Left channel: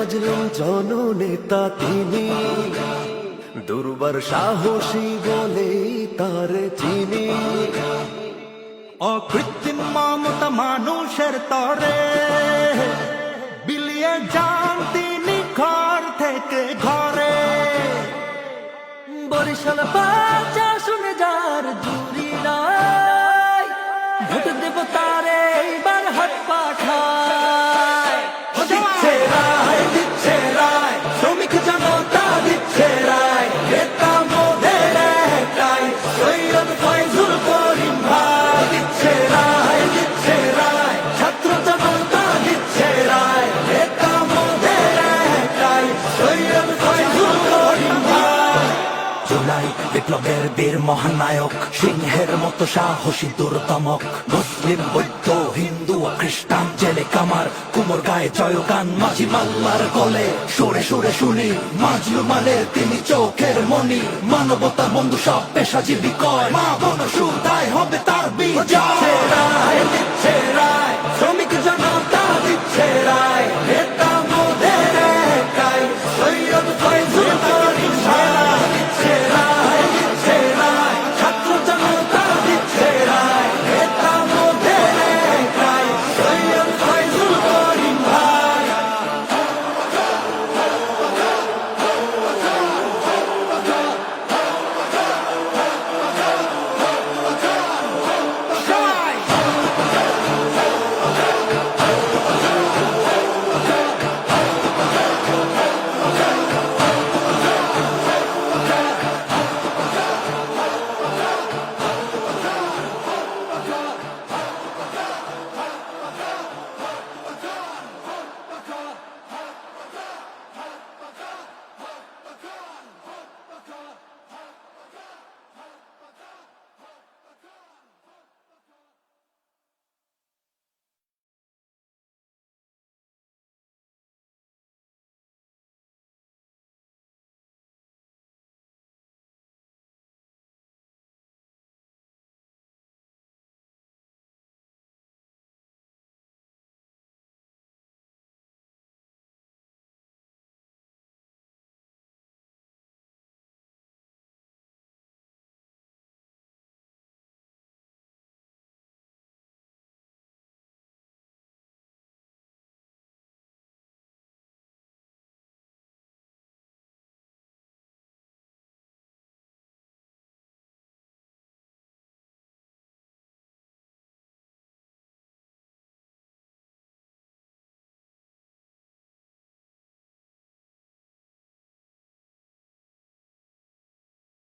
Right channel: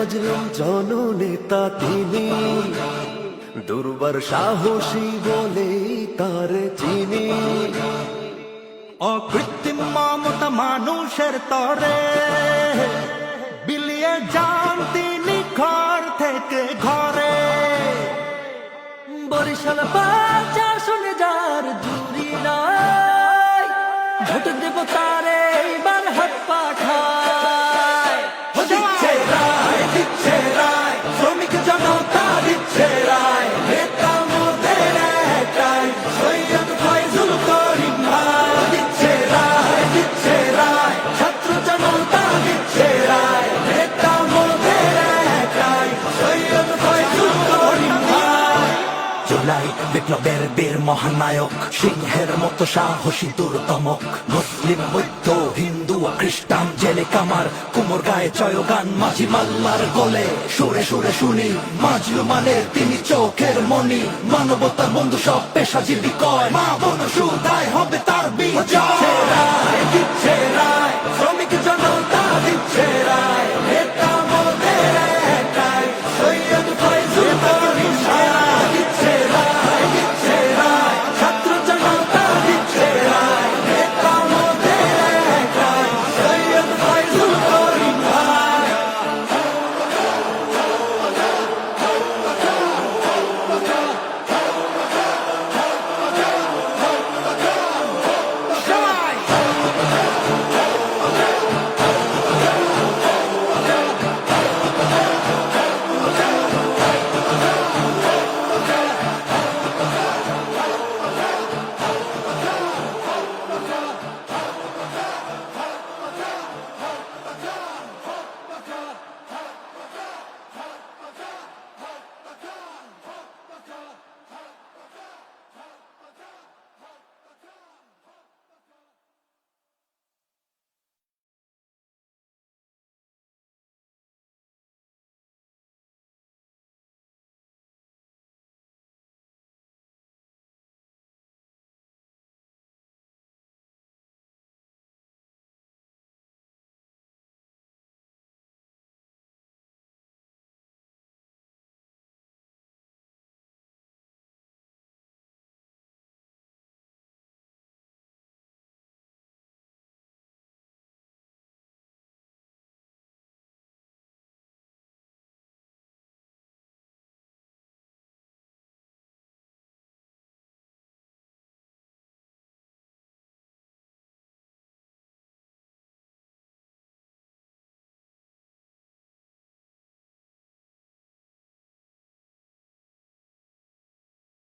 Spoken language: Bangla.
মাজলুম জননেতা তিনি। দুর্বার সাহসী বলে তার চিনি। অকৃত্রিম মমতা মানুষের তরে বিলিয়ে যান তিনি ঘর থেকে ঘরে। বরিশাল বাচ্চা শুনে যার জুরি নাই, ভোট দেব তারে এইবার হাত পাঠায় বিপ্লবের বীর মহানায়ক, সিংহের মতো সাহসী দুর্দমক, মুসলিম, বৌদ্ধ, হিন্দু খ্রিস্টান, জেলে কামার, কুমোর গায়ে জয়গান, মাঝি মাল্লার গলে সুরে সুরে শুনি মাজলু মালের তিনি চোখের মনি মানবতার বন্ধু সব পেশাজীবী কয়, মা বন সুদায় হবে তার বিজয়। রায় রায়